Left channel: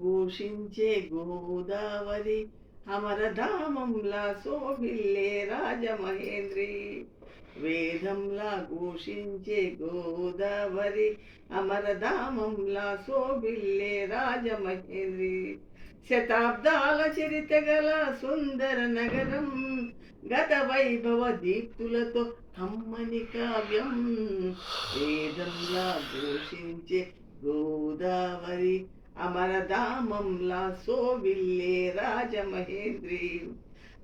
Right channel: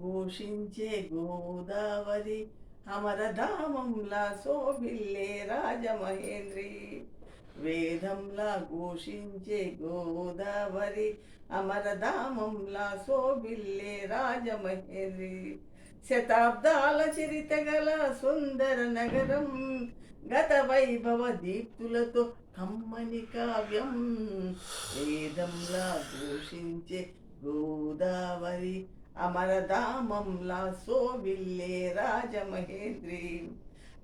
ఘోషించే గోదావరి అమరధామంలా శోభిల్లే రాజమహేంద్రి. వేదంలా ఘోషించే గోదావరి అమరధామంలా శోభిల్లే రాజమహేంద్రి. శతాబ్దాల చరిత గల సుందర నగరం, గత వైభవ దీప్తులతో కమ్మని కావ్యం. వేదంలా ఘోషించే గోదావరి అమరధామంలా శోభిల్లే రాజమహేంద్రి.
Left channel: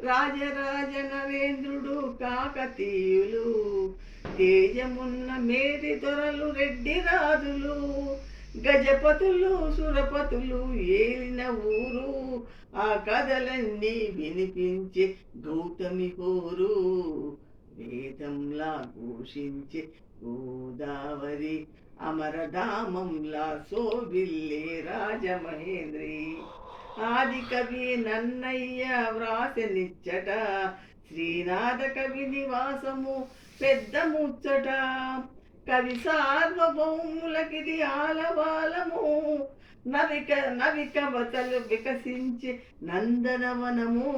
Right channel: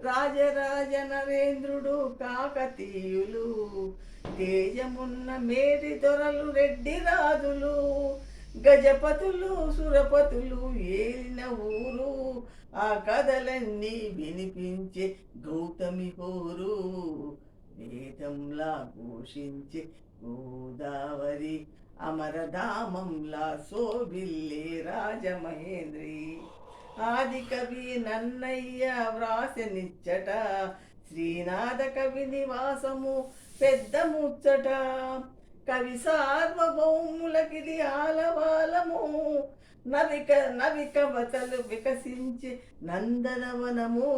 రాజరాజ నరేంద్రుడు కాకతీయులు, తేజమున్న మేటి దొరలు రెడ్డి రాజులు, గజపతులు సురపతులు ఏలిన ఊరు, ఆ కథలన్నీ వినిపించే గౌతమి హోరు. వేదంలా ఘోషించే గోదావరి అమరధామంలా శోభిల్లే రాజమహేంద్రి. ఆది కవి నన్నయ్య వ్రాసనిచ్చట, శ్రీనాథ కవి నివాసము పెద్ద ముచ్చట. కవి సార్వభౌములకిది ఆలవాలము, నవి కవతలు వికసించే నందనవనము.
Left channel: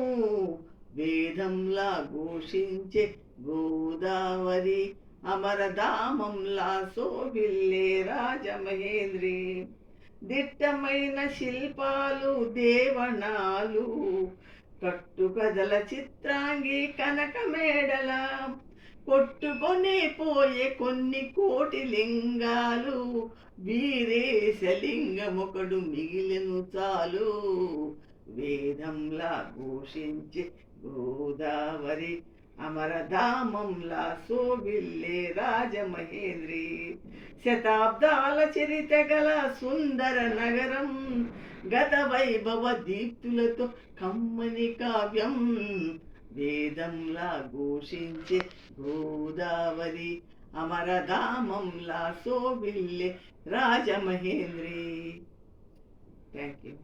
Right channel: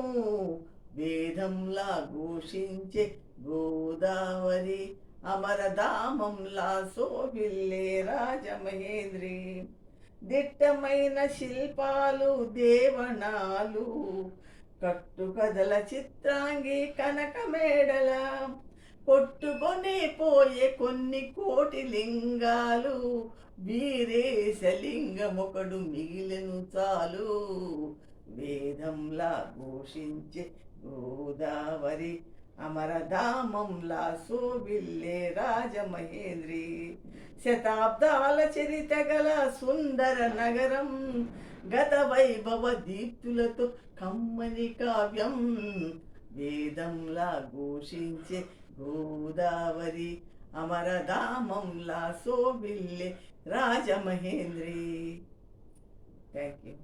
వేదంలా ఘోషించే గోదావరి అమరధామంలా శోభిల్లే రాజమహేంద్రి. దిట్టమైన శిల్పాలు దేవనాలు, కట్టుకథల చిత్రాంగి కనక మేడల, కొట్టుకొని పోయే కొన్ని కోటి లింగాలు, వీరేశలింగమొకడు మిగిలెను చాలు. వేదంలా ఘోషించే గోదావరి అమరధామంలా శోభిల్లే రాజమహేంద్రి. శతాబ్దాల చరిత గల సుందర నగరం, గత వైభవ దీప్తులతో కమ్మని కావ్యం. వేదంలా ఘోషించే గోదావరి అమరధామంలా శోభిల్లే రాజమహేంద్రి. Thank you.